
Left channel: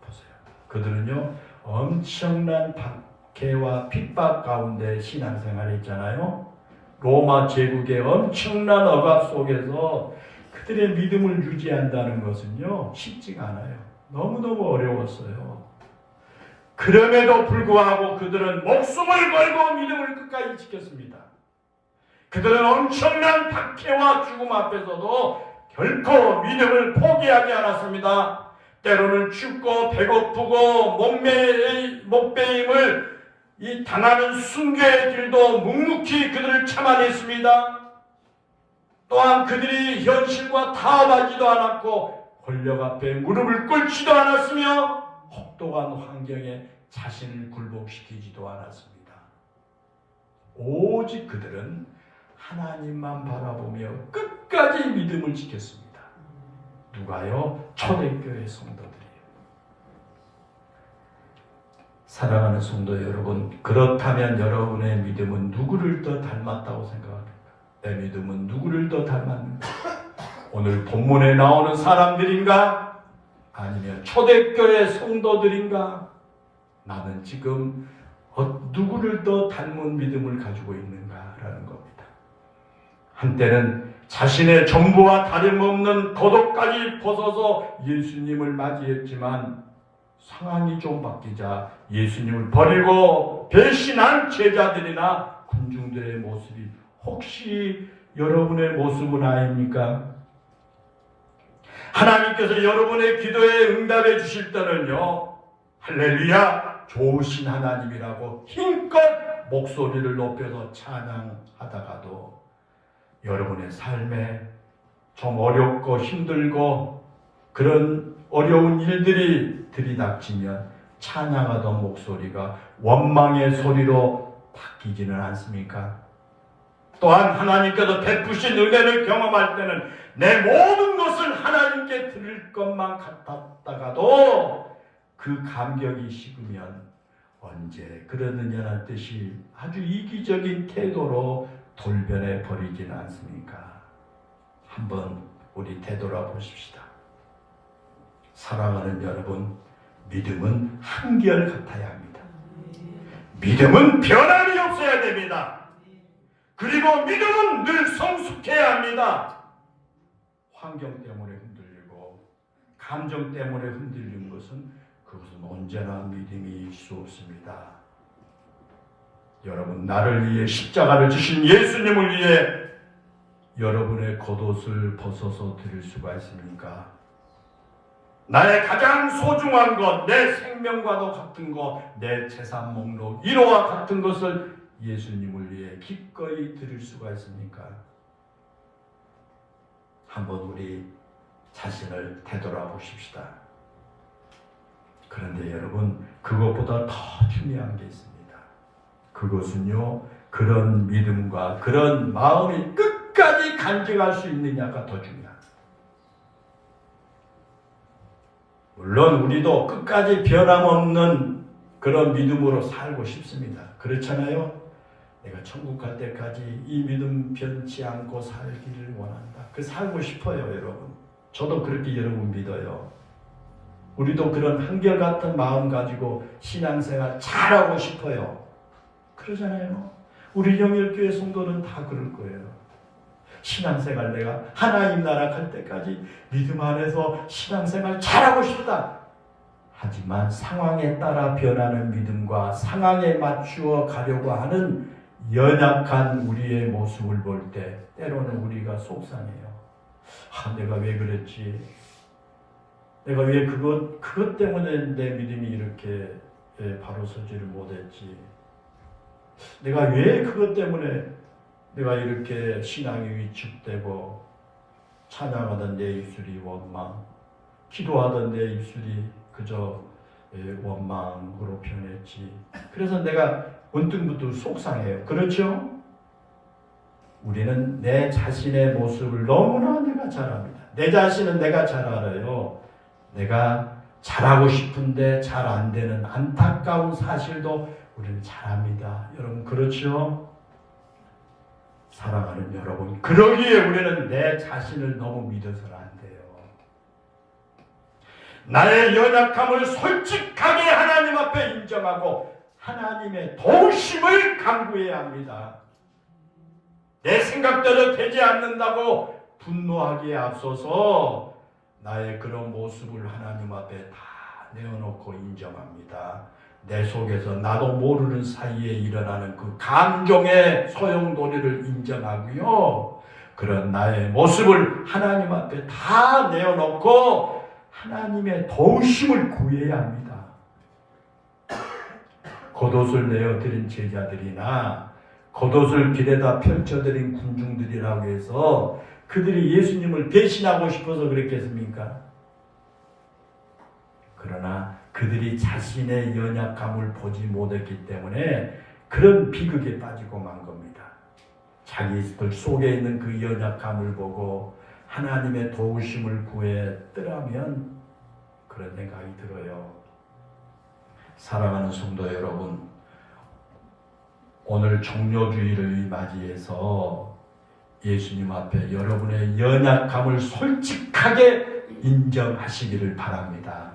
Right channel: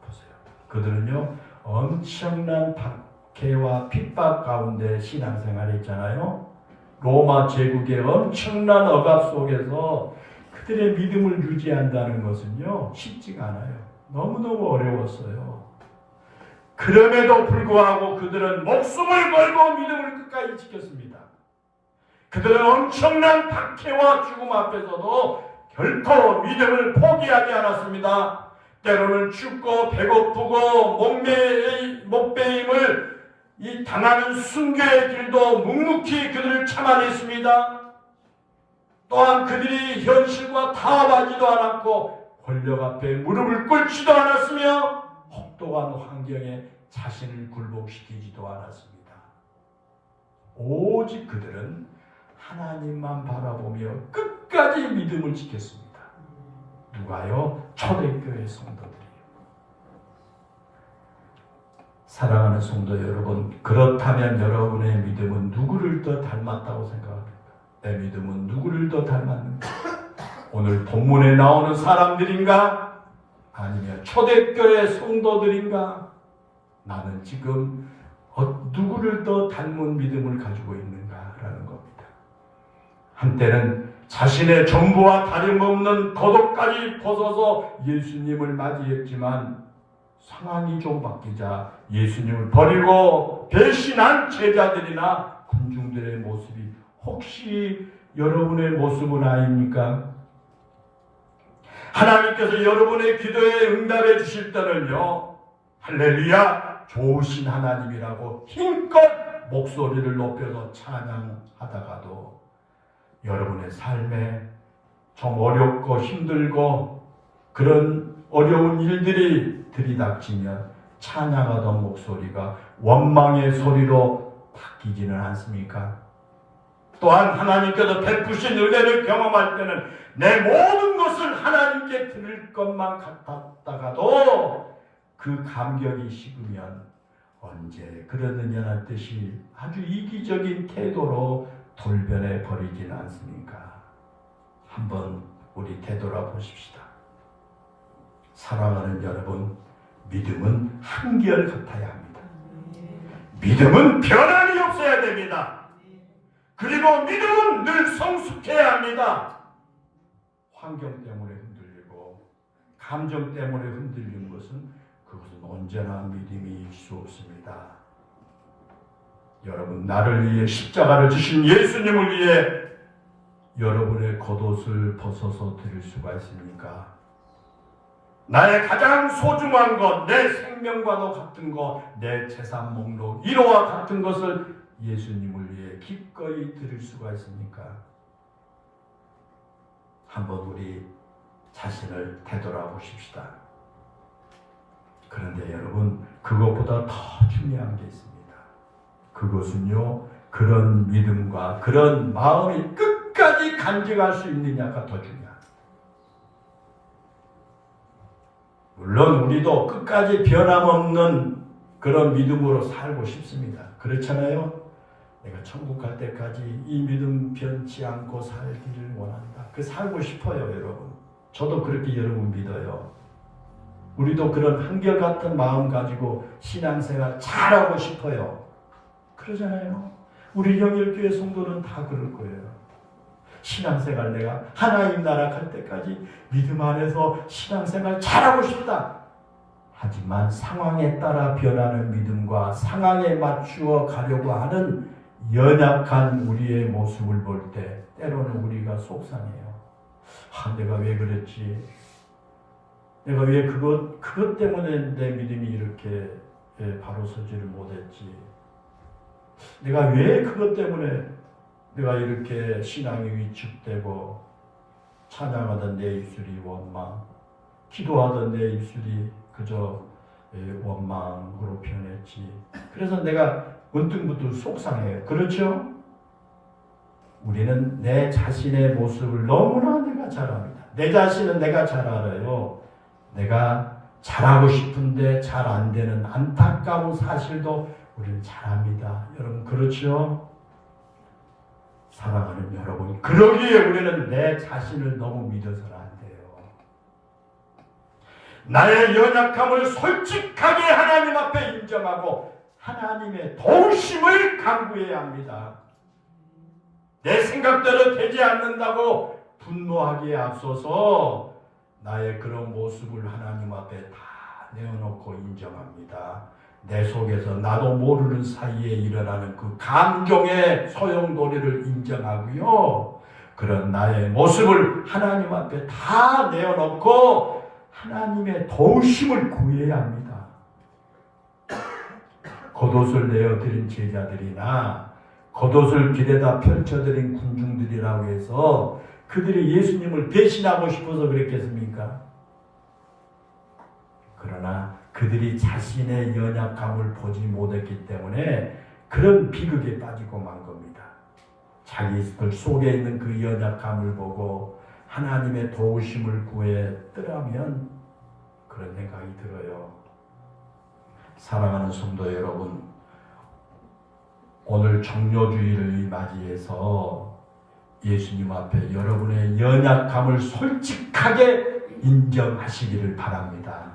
보세요. 그들은요 엄청난 박해와 핍박 가운데 신앙생활을 했잖아요. 로마 제국의 엄청난 억압 속에서 그들의 믿음을 유지한다는 것은요 쉽지가 않아요. 너무너무 어려웠어요. 그럼에도 불구하고 그들은 목숨을 걸고 믿음을 끝까지 지켰습니다. 그들은 엄청난 박해와 죽음 앞에서도 결코 믿음을 포기하지 않았습니다. 때로는 춥고 배고프고 목베임을 당하는 순교의 길도 묵묵히 그들을 참아냈습니다. 또한 그들이 현실과 타협하지도 않았고 권력 앞에 무릎을 꿇지도 않았으며 혹독한 환경에 자신을 굴복시키지도 않았습니다. 오직 그들은 하나님만 바라보며 끝까지 믿음을 지켰습니다. 누가요? 초대교회 성도들이에요. 사랑하는 성도 여러분, 그렇다면 여러분의 믿음은 누구를 더 닮았다고 생각합니까? 내 믿음은 누구를 더 닮았는가? 오늘 본문에 나오는 사람들인가? 아니면 초대교회 성도들인가? 나는 지금 누구를 더 닮은 믿음을 가지고 있는가라는 겁니다. 한때는 자신의 전부와 다름없는 겉옷까지 벗어서 예수님을 맞이했지만 상황이 좀 바뀌자 예수님을 버리고 배신한 제자들이나 군중들의 모습이 혹시 여러분의 모습은 아닙니까? 하나님께서 여러분의 기도에 응답해 주실 때는요, 할렐루야, 좋으신 하나님이라고 힘껏 목소리를 높여서 찬양하다가도 여러분의 삶에 좀 어렵고 힘들고 그런 어려운 일들이 들이닥치면 찬양하던 목소리가 원망의 소리로 바뀌지는 않습니까? 또한 하나님께서 베푸신 은혜를 경험할 때는 내 모든 것을 하나님께 드릴 것만 같았다가도 그 감격이 식으면 언제 그러느냐는 뜻이 아주 이기적인 태도로 돌변해 버리지는 않습니까? 한번 우리 되돌아보십시다. 사랑하는 여러분, 믿음은 한결같아야 합니다. 믿음은 변함이 없어야 됩니다. 그리고 믿음은 늘 성숙해야 합니다. 환경 때문에 흔들리고 감정 때문에 흔들리는 것은 그것은 언제나 믿음일 수 없습니다. 여러분, 나를 위해 십자가를 지신 예수님을 위해 여러분의 겉옷을 벗어서 드릴 수가 있습니까? 나의 가장 소중한 것, 내 생명과도 같은 것, 내 재산 목록 1호와 같은 것을 예수님을 위해 기꺼이 드릴 수가 있습니까? 한번 우리 자신을 되돌아보십시다. 그런데 여러분, 그것보다 더 중요한 게 있습니다. 그것은요, 그런 믿음과 그런 마음이 끝까지 간직할 수 있느냐가 더 중요합니다. 물론 우리도 끝까지 변함없는 그런 믿음으로 살고 싶습니다. 그렇잖아요? 내가 천국 갈 때까지 이 믿음 변치 않고 살기를 원한다. 그 살고 싶어요, 여러분. 저도 그렇게 여러분 믿어요. 우리도 그런 한결같은 마음 가지고 신앙생활 잘하고 싶어요. 그러잖아요. 우리 영일교회 성도는 다 그럴 거예요. 신앙생활 내가 하나님 나라 갈 때까지 믿음 안에서 신앙생활 잘하고 싶다. 하지만 상황에 따라 변하는 믿음과 상황에 맞추어 가려고 하는 연약한 우리의 모습을 볼 때 때로는 우리가 속상해요. 내가 왜 그랬지? 내가 왜 그것 때문에 내 믿음이 이렇게 바로 서지를 못했지? 내가 왜 그것 때문에 내가 이렇게 신앙이 위축되고 찬양하던 내 입술이 원망, 기도하던 내 입술이 그저 원망으로 변했지. 그래서 내가 문득문득 속상해요. 그렇죠? 우리는 내 자신의 모습을 너무나 내가 잘 압니다. 내 자신은 내가 잘 알아요. 내가 잘하고 싶은데 잘 안 되는 안타까운 사실도 우리는 잘 압니다. 여러분 그렇죠? 사랑하는 여러분, 그러기에 우리는 내 자신을 너무 믿어서는 안 돼요. 나의 연약함을 솔직하게 하나님 앞에 인정하고 하나님의 도우심을 간구해야 합니다. 내 생각대로 되지 않는다고 분노하기에 앞서서 나의 그런 모습을 하나님 앞에 다 내어놓고 인정합니다. 내 속에서 나도 모르는 사이에 일어나는 그 감정의 소용돌이를 인정하고요. 그런 나의 모습을 하나님 앞에 다 내어놓고 하나님의 도우심을 구해야 합니다. 겉옷을 내어드린 제자들이나 겉옷을 길에다 펼쳐드린 군중들이라고 해서 그들이 예수님을 배신하고 싶어서 그랬겠습니까? 그러나 그들이 자신의 연약함을 보지 못했기 때문에 그런 비극에 빠지고 만 겁니다. 자기들 속에 있는 그 연약함을 보고 하나님의 도우심을 구했더라면 그런 생각이 들어요. 사랑하는 성도 여러분, 오늘 종료주의를 맞이해서 예수님 앞에 여러분의 연약함을 솔직하게 인정하시기를 바랍니다.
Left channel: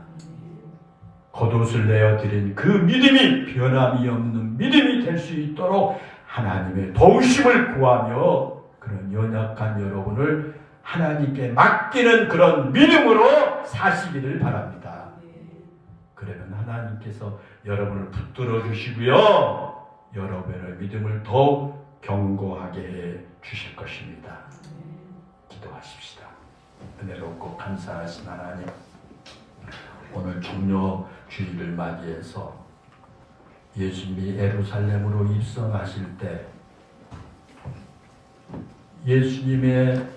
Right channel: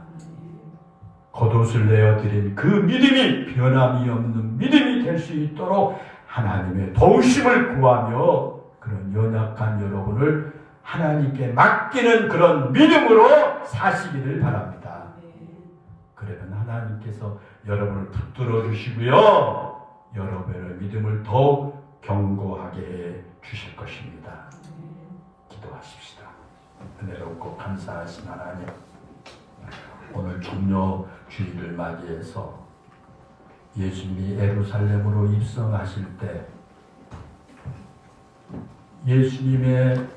겉옷을 내어드린 그 믿음이 변함이 없는 믿음이 될 수 있도록 하나님의 도우심을 구하며 그런 연약한 여러분을 하나님께 맡기는 그런 믿음으로 사시기를 바랍니다. 그러면 하나님께서 여러분을 붙들어 주시고요. 여러분의 믿음을 더욱 견고하게 해 주실 것입니다. 기도하십시다. 은혜롭고 감사하신 하나님, 오늘 종료주일을 맞이해서 예수님이 예루살렘으로 입성하실 때 예수님의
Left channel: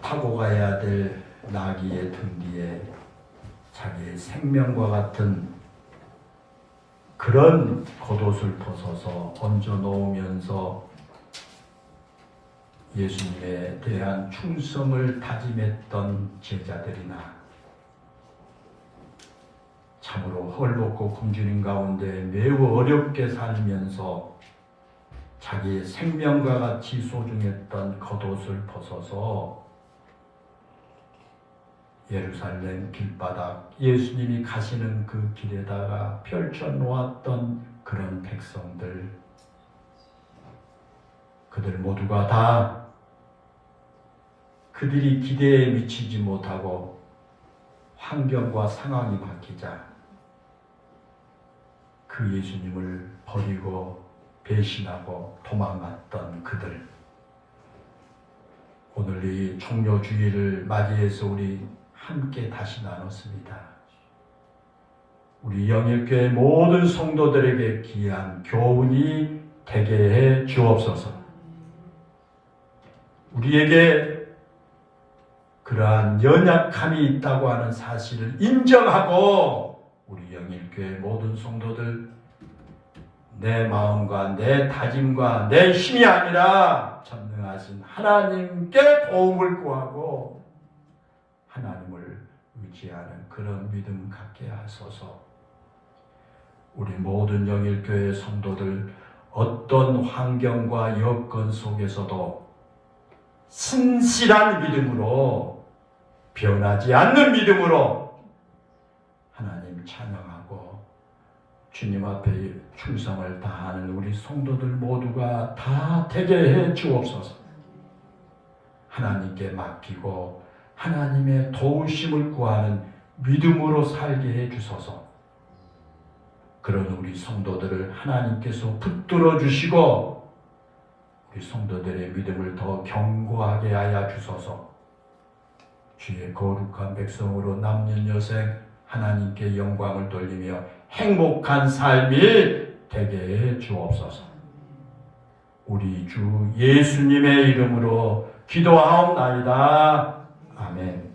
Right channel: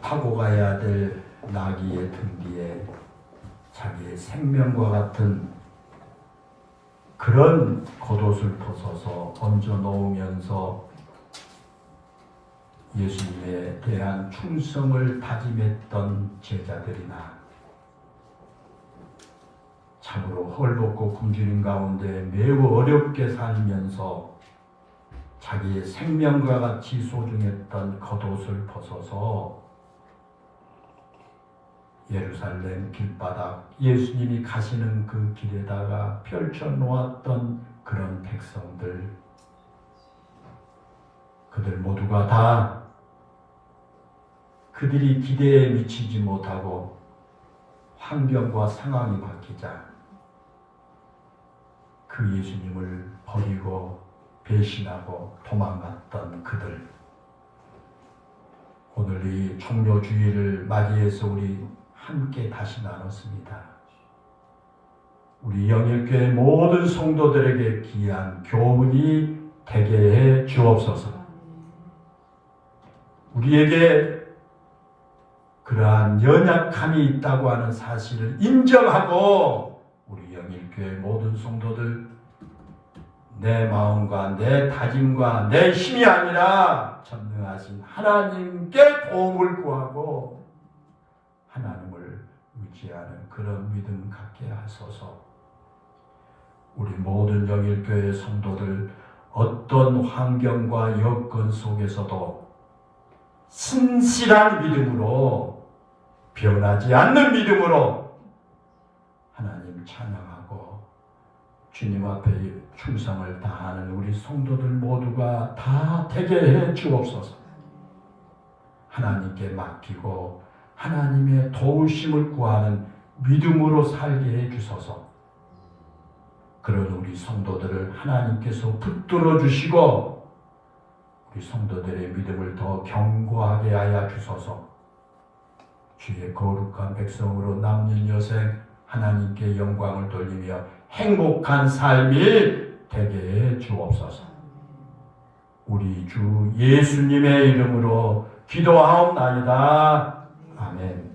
타고 가야 될 나귀의 등 뒤에 자기의 생명과 같은 그런 겉옷을 벗어서 얹어 놓으면서 예수님에 대한 충성을 다짐했던 제자들이나 참으로 헐벗고 굶주린 가운데 매우 어렵게 살면서 자기의 생명과 같이 소중했던 겉옷을 벗어서 예루살렘 길바닥 예수님이 가시는 그 길에다가 펼쳐놓았던 그런 백성들, 그들 모두가 다 그들이 기대에 미치지 못하고 환경과 상황이 바뀌자 그 예수님을 버리고 배신하고 도망갔던 그들, 오늘 이 종료주일을 맞이해서 우리 함께 다시 나눴습니다. 우리 영일교회 모든 성도들에게 귀한 교훈이 되게 해 주옵소서. 우리에게 그러한 연약함이 있다고 하는 사실을 인정하고 우리 영일교회 모든 성도들 내 마음과 내 다짐과 내 힘이 아니라 전능하신 하나님께 도움을 구하고 하나님을 의지하는 그런 믿음 갖게 하소서. 우리 모든 영일교회 성도들 어떤 환경과 여건 속에서도 신실한 믿음으로, 변하지 않는 믿음으로 하나님 찬양하고 주님 앞에 충성을 다하는 우리 성도들 모두가 다 되게 해 주옵소서. 하나님께 맡기고 하나님의 도우심을 구하는 믿음으로 살게 해 주소서. 그런 우리 성도들을 하나님께서 붙들어 주시고 우리 성도들의 믿음을 더 견고하게 하여 주소서. 주의 거룩한 백성으로 남는 여생 하나님께 영광을 돌리며 행복한 삶이 되게 해 주옵소서. 우리 주 예수님의 이름으로 기도하옵나이다. 아멘.